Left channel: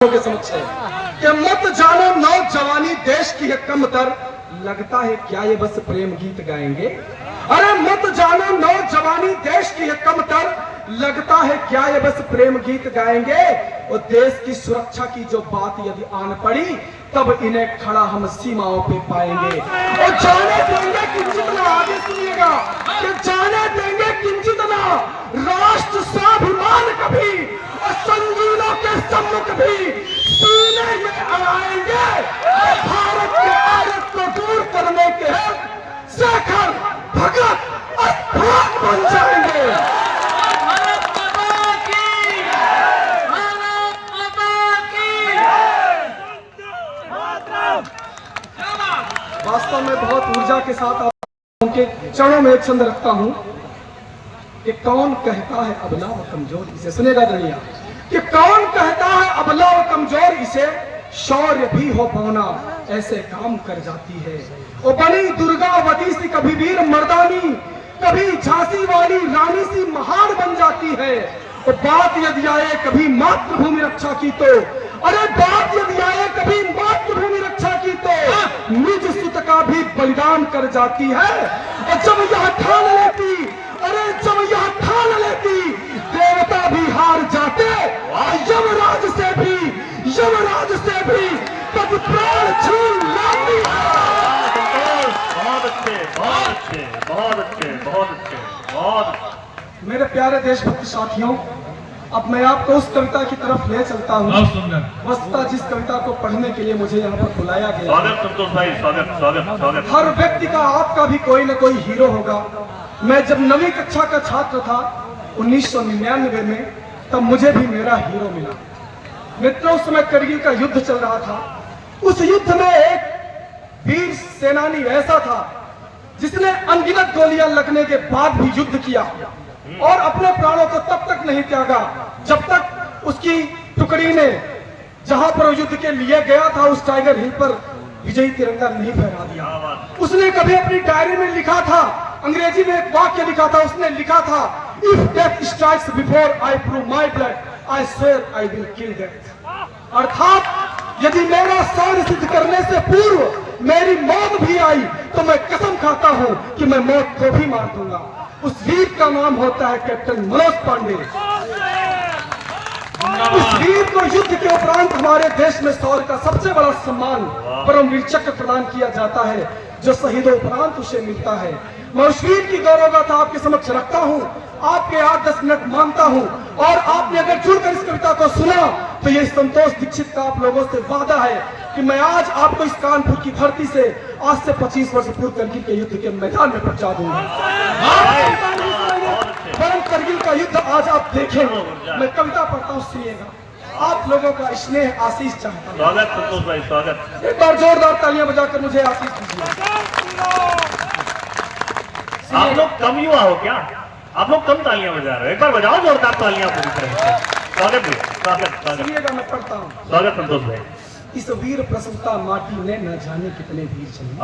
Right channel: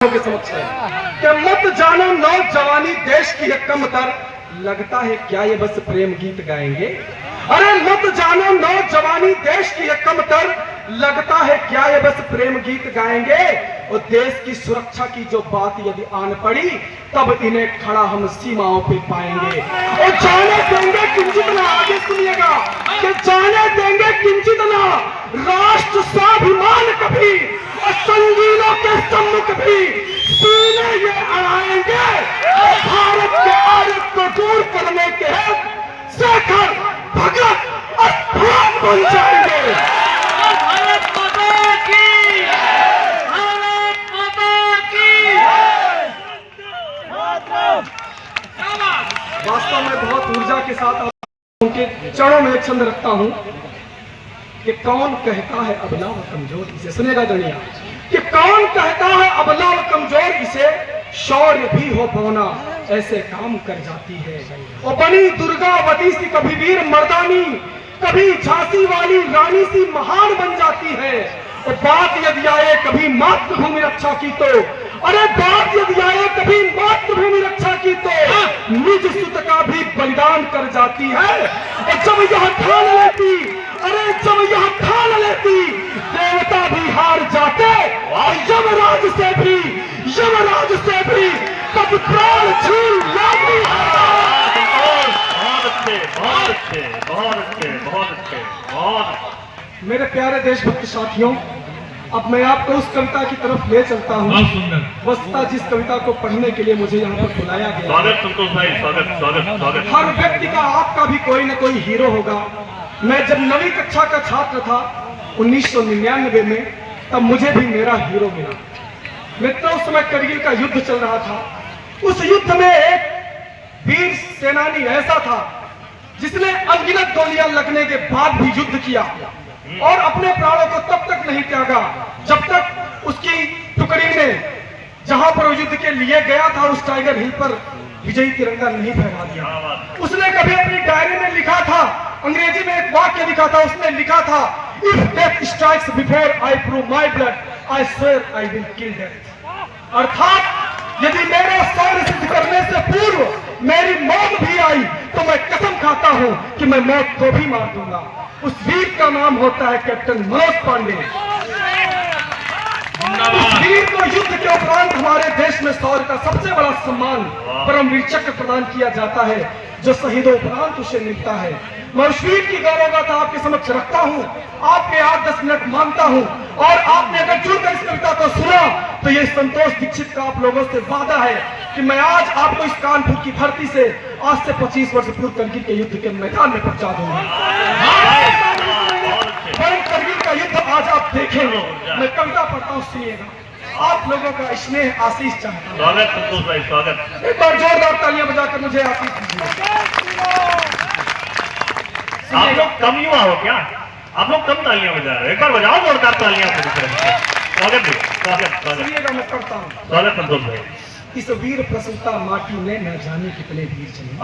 के समक्ष है कि मत जानो नौजवानी देश की है कमतर, लगता है क्या ये बस प्रेम गीत गाएंगे। अरे मत जानो नौजवानी देश की है कमतर, लगता है क्या ये बस प्रेम गीत गाएंगे। और देश की सुरक्षा की जो बात यदि आन पड़ी, तब इन्हें खड़ा हम सीमाओं पे पाएंगे। और जाने देंगे किंचित ना, आगे सुनिएगा, कि जाने देंगे किंचित ना राष्ट्र स्वाभिमान कभी, और संगीनों के सम्मुख भी सीने ये अड़ाएंगे। भारत के आरत को दूर करने के शेखर भगत और भगत बन जाएंगे। वास्तव में बहुत ऊर्जा के साथ उनके चरणों में एक छंद रखता हूं कि कौन कहता है अबला व कमजोर इसे, सुनेगा दुनिया, कि कौन कहता है अबला व कमजोर इसे, शौर्य भी हो पौना ऐसे काम कर जाती है। और बनी दुर्गावती सी कभी वीर मर्दानी, कभी झांसी वाली रानी सी महान बन जाती है। और बात यदि आए कभी मातृभूमि रक्षा की तो, अरे बात यदि आए कभी मातृभूमि रक्षा की तो निज सुत का भी बलिदान कर जाती है। और जब यह ठान लेती, अरे जब यह ठान लेती, देवता भी हार जाते, यमराज से भी कब प्राण छीन जाती है। मेरे प्यारे देशभक्त साथियों, अब मैं आपको उस कविता की तरफ ले चलता हूँ। वस्तुतः जिस कविता को पढ़ने के लिए मुझे यहाँ पर बुलाया गया, हर व्यक्ति का, आपका भी कोई न कोई हीरो होगा। मैं जब 9वीं कक्षा का छात्र था 1999 में, तब मुझे भी मेरा हीरो मिला। मित्रों, उस समय करगिल का युद्ध चल रहा था। उस युद्ध में एक वीर सेनानी ऐसा था जिसने अनगिनत गोलियां लगने के बाद भी युद्ध किया और अपने प्राणों को तब तक नहीं त्यागा जब तक उसकी टुकड़ी ने जहां पर युद्ध के लिए गया था उस टाइगर हिल पर विजयी तिरंगा नहीं फहरा दिया। उसने कभी अपनी डायरी में लिखा था, अंग्रेजी में एक वाक्य लिखा था, उसने लिखा था, if death strikes before I prove my blood, I swear I will kill death. अर्थात यदि मेरा शौर्य सिद्ध करने से पूर्व मेरी मौत भी आई तो मैं कसम खाता हूं कि मैं मौत को भी मार दूंगा। उस वीर का नाम होता है कैप्टन मनोज पांडे। उस वीर को युद्ध के उपरांत हमारे देश में शौर्य का सबसे बड़ा सम्मान परमवीर चक्र प्रदान किया जाता है, जो शहीदों उपरांत उसे मिलता है। मैं उस वीर की गौरवगाथा आपके समक्ष रखता हूँ, आपके 8-10 मिनट मांगता हूँ। और आपने अगर जुड़कर इस कविता को सुना तो ये संतोष दीक्षित का आप लोगों से वादा है कि मैं आज आपको इस कानपुर की धरती से आज से 25 वर्ष पूर्व करगिल के युद्ध के मैदान में पहुंचा दूंगा। करगिल का युद्ध आज आप देखेंगे। मैं कविता पढ़ता हूँ, सुनिएगा। आप लोगों का स्नेह आशीष चाहता हूँ। एक बार जोरदार तालियां बजाकर मुझे आशीष दीजिए। आप लोग कम युवा हो क्या? आप लोग कम तालियां बजा रहे हैं, बजाओ जोरदार तालियां। सुनिएगा, मैं पढ़ता हूँ। स्वागत संतोष भाई। इस वीर प्रसूता माटी ने न जाने कितने वीर जने,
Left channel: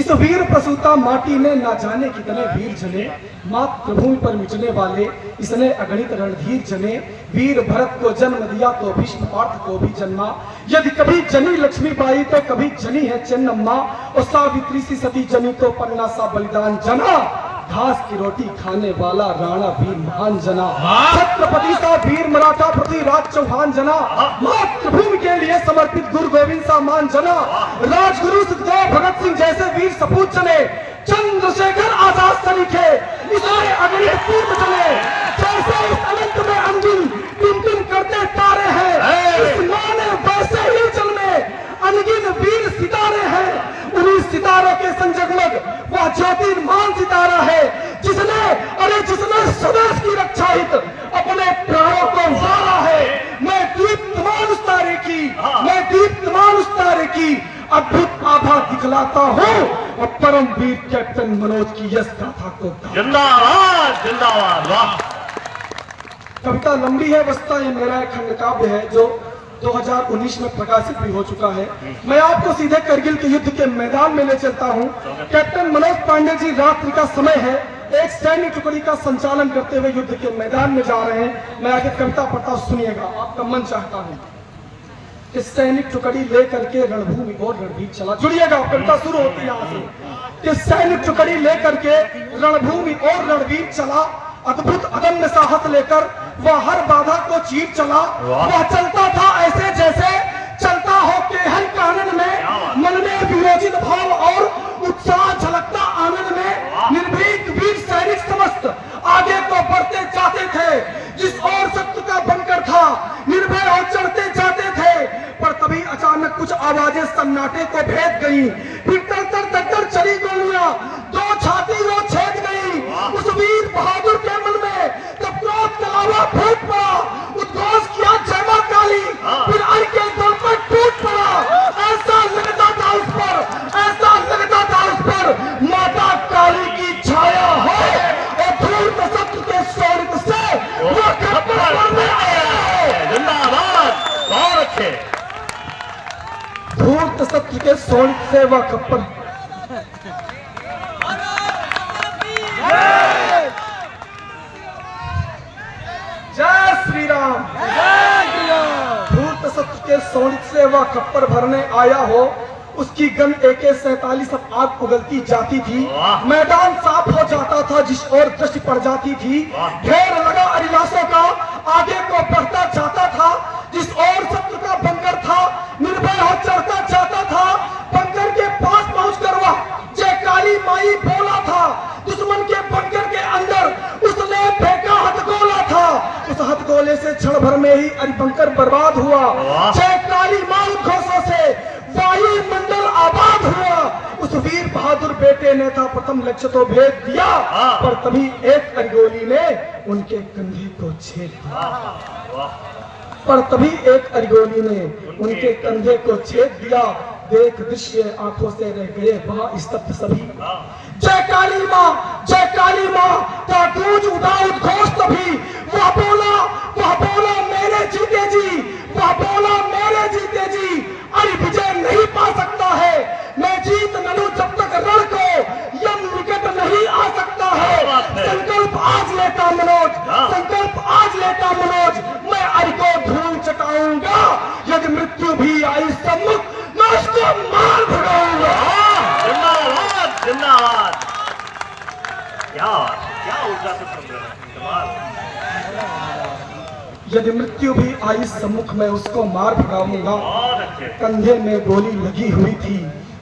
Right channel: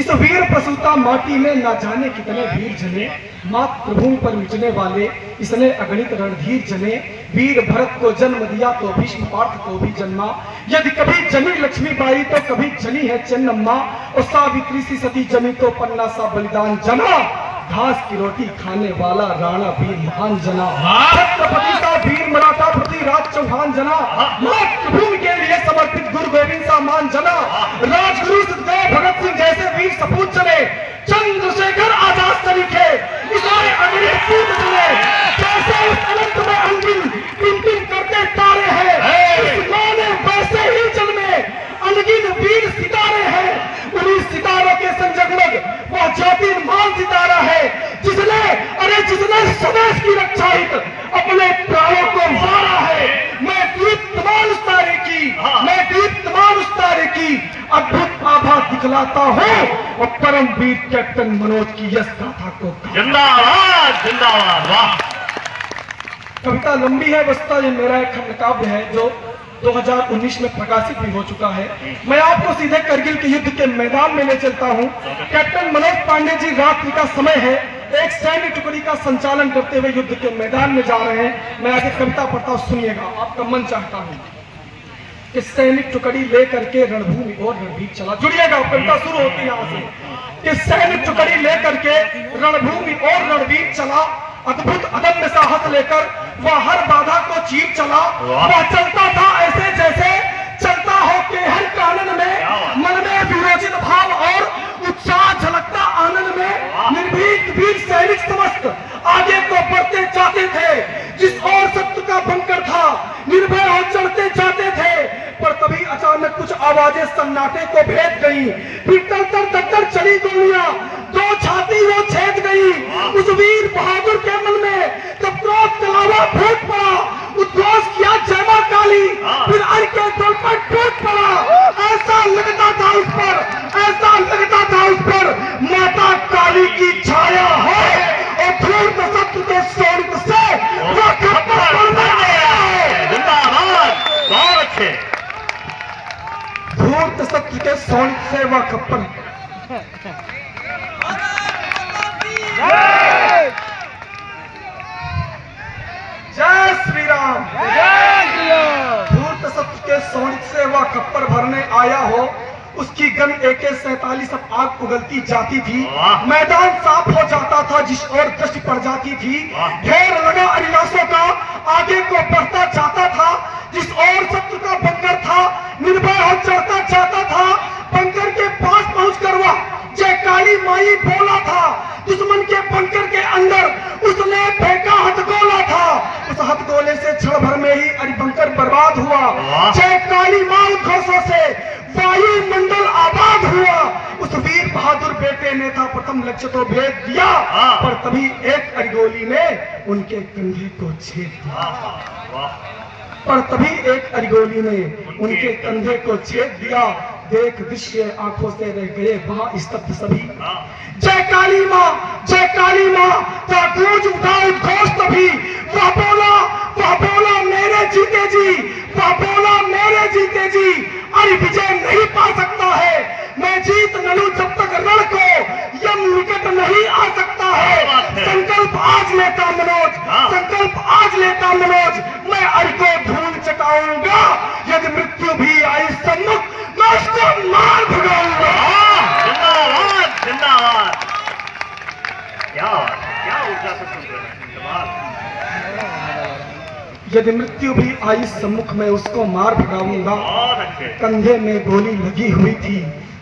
इस वीर प्रसूता माटी ने न जाने कितने वीर जने, मातृभूमि पर मिटने वाले इसने अगणित रणधीर जने। वीर भरत को जन्म दिया तो भीष्म पार्थ को भी जन्मा, यदि कभी जनी लक्ष्मीबाई तो कभी जनी है चन्नम्मा। और सावित्री सी सती जनी तो पन्ना सा बलिदान जना, घास की रोटी खाने वाला राणा वीर महान जना। छत्रपति सा वीर मराठा पृथ्वीराज चौहान जना, मातृभूमि के लिए समर्पित गुरु गोविंद सा मान जना। राजगुरु सुखदेव भगत सिंह जैसे वीर सपूत चले, चंद्रशेखर आजाद से लिखे इसने अग्नि पूत चले। जैसे अनंत में अंतिम टिम करते तारे हैं, इस मां ने वैसे ही जन्मे अनगिनत वीर सितारे हैं। उन्हीं सितारों के संजगमग वह ज्योतिर्मान सितारा है जिसने स्वदेश की रक्षा हित अपने प्राणों को वारा है। मैं दीप्तमान उस तारे की अद्भुत आभा दिखलाता हूँ और परमवीर कैप्टन मनोज की यश गाथा को। जिंदाबाद जिंदाबाद। कविता लंबी है, वस्तुतः ये मेरा एक खंड काव्य है जो 2019 में प्रकाशित भी हो चुका है। मैं आपको सीधे करगिल के युद्ध के मैदान में ले चलता हूं। कैप्टन मनोज पांडे जी, रात्रि का समय है, एक सैन्य टुकड़ी का संचालन करते हुए युद्ध के मैदान में जा रहे हैं। मैं आगे कविता पढ़ता हूं, सुनिएगा, आपका मन चाहता हूं। कि सैनिक टुकड़ी लेकर के रणभूमि और रणभीर चला। जुड़िएगा, कविता शुरू होती है यहाँ से कि सैनिक टुकड़ी लेकर के रणभूमि और रणवीर चला, अद्भुत अदम्य साहस लेकर वह हर बाधा को चीर चला। वह चलता था ऐसे जैसे चलता हो केहन कानन में, मन में विरोचित भाव और उत्साह झलकता आनंद में। निर्भीक वीर सैनिक समस्त आगे को बढ़ते जाते थे, जिस ओर शत्रु का बंकर था निर्भय हो चढ़ते जाते थे। पर तभी अचानक कुछ आवाजें सन्नाटे को भेद गई, फिर तर चली गोलियां, दो छाती वो छेद गई। उस वीर बहादुर के मन में तब क्रोध कलावा फूट पड़ा, उद्घोष किया जय मां काली, फिर अर के दल पर टूट पड़ा। ऐसा लगता था उस पर, ऐसा लगता था उस पर माता काली की छाया है, और धूर्त शत्रु के स्वर्ग से वो खप्पर बनने आया है। जिंदाबाद, बहुत अच्छे। धूर्त शत्रु के स्वर्ग से वह खप्पर। जय श्री राम। धूर्त शत्रु के शौर्य से वह खप्पर भरने आया हो, उसकी गन AK-47 अब आग उगलती जाती थी। मैदान साफ हो जाता था जिस ओर दृष्टि पड़ जाती थी। ढेर लगा अरिलासों का आगे को बढ़ता जाता था, जिस ओर शत्रु का बंकर था निर्भय हो चढ़ता जाता था। बंकर के पास पहुंचकर वह जय काली माई बोला था, दुश्मन के बंकर के अंदर उसने फेंका हथगोला था। उस हथगोले से क्षण भर में ही अरिबंकर बर्बाद हुआ। जय काली मां उद्घोषों से वायुमंडल आबाद हुआ। उस वीर बहादुर बेटे ने था प्रथम लक्ष्य तो भेद दिया, पर तभी एक अरिगोली ने उनके कंधे को छेद दिया। पर तभी एक अरिगोली ने उनके कंधे को छेद दिया। देख दृश्य आंखों से रह गए वहां स्तब्ध सभी। जय काली मां, जय काली मां का गूंज उठा उद्घोष तभी। वह बोला मेरे जीते जी, वह बोला मेरे जीते जी, अरे विजय नहीं पा सकता है। मैं जीत न लूं जब तक रण को यम निकट नहीं आ सकता है। संकल्प आज लेता मनोज, संकल्प आज लेता मनोज, मैं अरि को धूल चटाऊंगा। यदि मृत्यु भी आई सम्मुख मैं उसको मार भगाऊंगा। जिंदाबाद, जिंदाबाद। क्या ऊर्जा से सुन रहे हैं, कमाल। यदि मृत्यु भी आई सम्मुख में उसको मार भगाऊंगा। बहुत अच्छे। कंधे में गोली लगी हुई थी,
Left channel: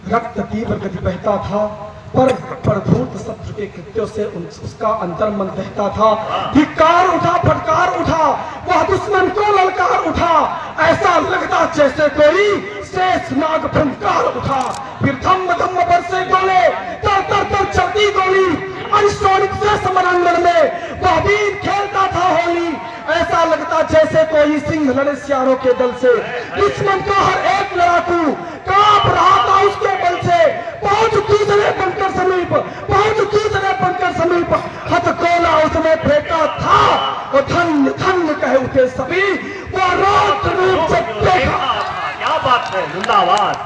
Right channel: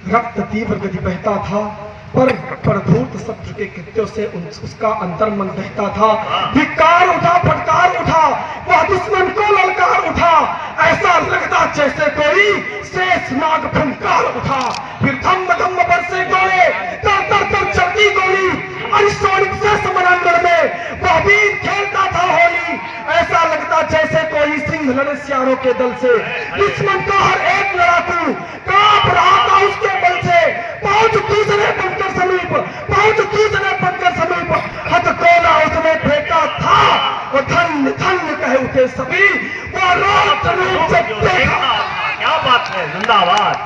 रक्त तीव्र गति बहता था, पर प्रभूत शत्रु के कृत्यों से उसका अंतर्मन बहता था। धिक्कार उठा, फटकार उठा, वह दुश्मन को ललकार उठा। ऐसा लगता जैसे कोई शेष नाग फंकार उठा। फिर धम्म धम्म बरसे गोले, तर चलती गोली। अरिस्टोरिक से समरंगन में वह वीर खेलता था होली। ऐसा लगता जैसे कोई सिंह लड़े सियारों के दल से। दुश्मन का हर एक लड़ाकू कांप रहा था उसके बल से। पहुंच दूसरे बनकर समीप, पहुंच दूसरे बनकर समीप, हथगोला उसने फेंका था, और धन्य धन्य कहे उठे सभी। वो रोक रूप जब देखा। क्या बात है, जिंदाबाद।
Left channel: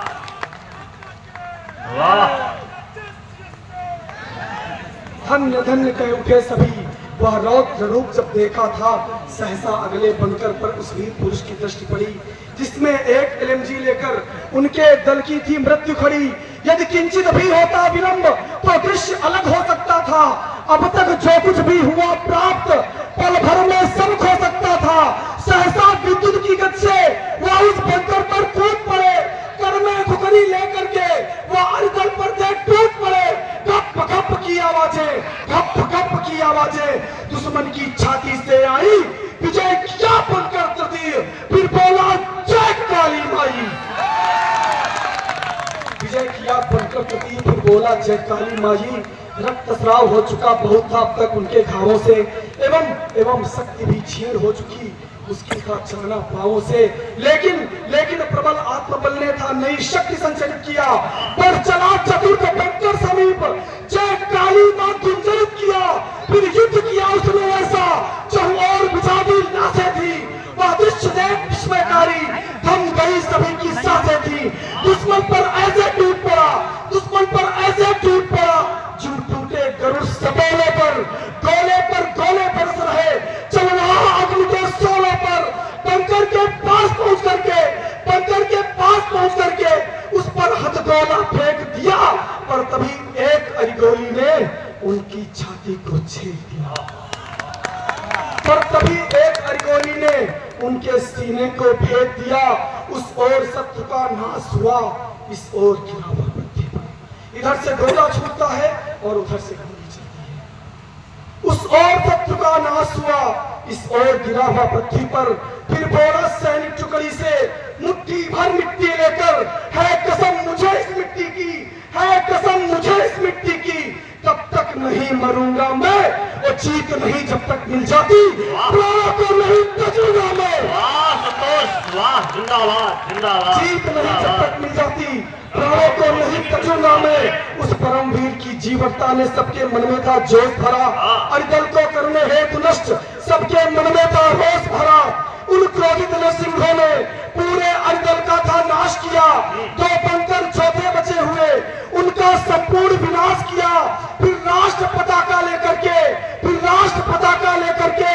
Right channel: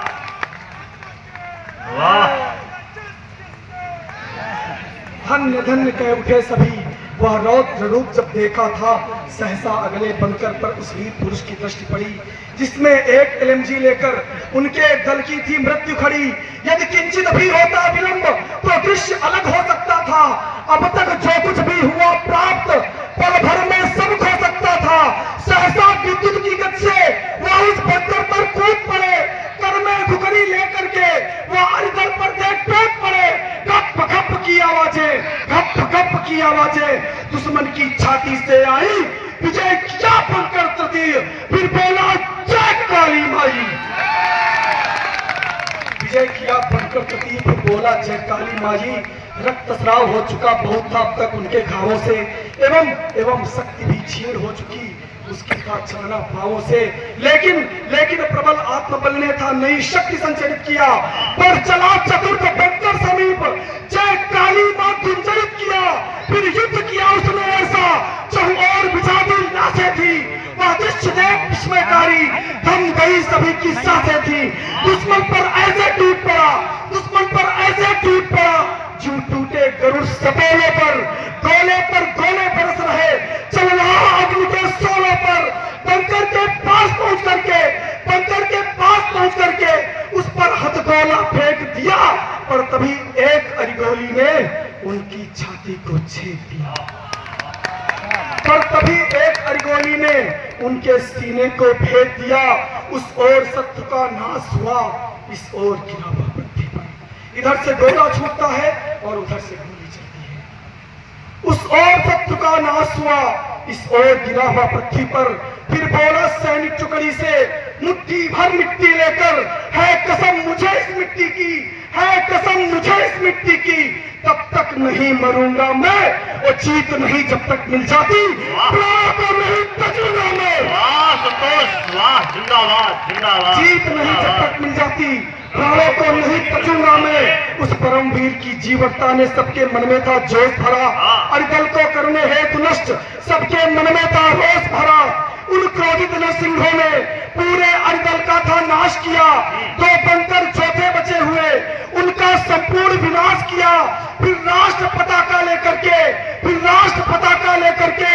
वाह, धन्य धन्य कह उठे सभी। वह रौद्र रूप जब देखा था, सहसा अगले बंकर पर उस वीर पुरुष की दृष्टि पड़ी, जिसमें एक LMG लेकर उनके दल की थी मृत्यु खड़ी। यदि किंचित भी होता विलंब तो दृश्य अलग हो सकता था। अब तक जो कुछ भी हुआ प्राप्त पल भर में सब हो सकता था। सहसा विद्युत की गति से वह उस बंकर पर कूद पड़े। कर में घुघरी लेकर के वह अरिदल पर देख टूट पड़े। गप गप की आवाजें, गप गप की आवाजें दुश्मन की छाती से आई। विजय क्या बंकर तृतीय, फिर बोला जय काली माई। विजय किया बंकर तृतीय, फिर बोला जय काली माई। रक्तस्राव हो चुका बहुत था अब तक उनके घावों से, एवं शक्ति भी छीन हो चुकी उसकी चलना पावों से। लेकिन प्रबल आत्मबल ने था नई शक्ति संचरित किया। पर चला चतुर्थ बंकर समीप, जय काली मां गुंजरित किया। फिर युद्ध किया उसने ऐसा, चाहूं और बिछादी नासें थी। वह दृश्य देख विस्मयकारी, थम गई सभी की सांसें थी। दुश्मन पर ऐसे टूट पड़ा, दुश्मन पर ऐसे टूट पड़ा, जो टूटे गरुड़ सपेले पर गोले बरस रहे। चल रहा अग्नि के सोले पर, बंकर के पास पहुंच करके बंकर छेद दिया। पर तभी एक अरगोनी ने उनके सीने को भेद दिया। उस ओर शत्रु का नाश हुआ, इस ओर गिरा हुआ पृथ्वी पर। इधर से गोला छूटता है और उधर से गोली चलती है। उस ओर शत्रु का नाश हुआ, इस ओर गिरा हुआ पृथ्वी पर। फिर बोला सैनिक टुकड़ी से, मुट्ठी भर मिट्टी लेकर, है कसम मुझे इस मिट्टी की, है कसम मुझे इस मिट्टी की, तब तक नहीं मरूंगा मैं, वो जीत नहीं जब तक मिल जाती, प्राण को नहीं तजूंगा मैं। वाह संतोष, वाह, जिंदाबाद जिंदाबाद। जीत नहीं जब तक मिल जाती, प्राणों को नहीं तजूंगा मैं। उस परमवीर की जीवटता ने सबके मन में था जोश भरा, अरिदल को करने हेतु नष्ट सबके मन में था होश भरा। उन क्रोधित सिंहों ने पूरे अरिदल का था नाश किया, दो पंतर चौथे बचे हुए उनका संपूर्ण विनाश किया। फिर राष्ट्र पताका लेकर के, फिर राष्ट्र पताका लेकर के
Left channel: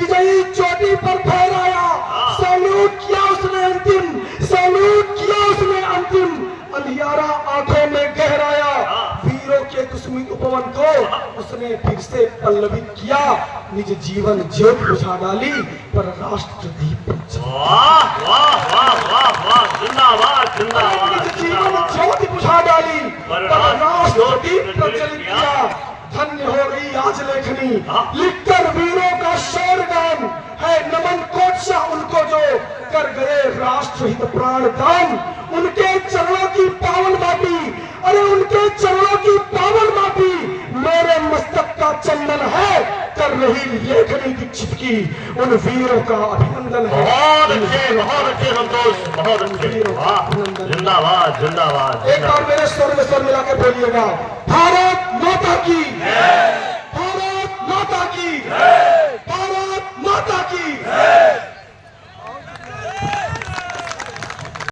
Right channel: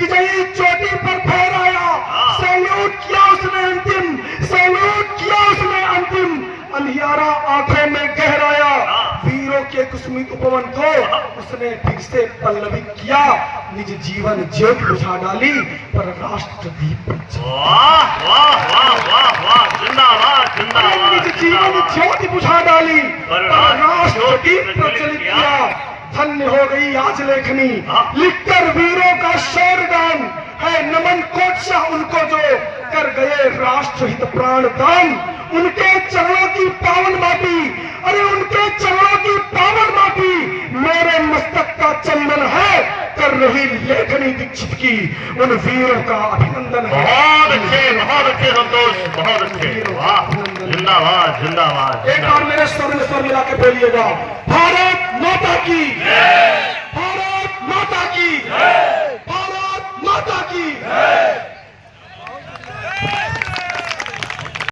विजयी चोटी पर फहराया। सैल्यूट किया उसने अंतिम, सैल्यूट किया उसने अंतिम, अंधियारा आंखों में गहराया। वीरों के कुसुमित उपवन को उसने फिर से पल्लवित किया। निज जीवन ज्योति बुझा डाली, पर राष्ट्र दीप पर जला। वाह वाह वाह वाह वाह, जिंदाबाद जिंदाबाद। निज जीवन ज्योति बुझा डाली, पर राष्ट्र दीप प्रज्वलित किया। धन्य हो गई आज लेखनी, लिखकर वीरों का शौर्यगान है। नमन कोटशाह उनको जो कर गए राष्ट्र हित प्राण दान। उनके चरणों की पावन माटी, अरे उनके चरणों की पावन माटी मेरे मस्तक का चंदन है। कर रही लेखनी दीक्षित की उन वीरों का अभिनंदन है। बहुत अच्छे संतोष, बहुत अच्छे, वाह, जिंदाबाद जिंदाबाद। एक बार मेरे स्वर में स्वर मिलाकर बोलिएगा, भारत माता की, भारत माता की।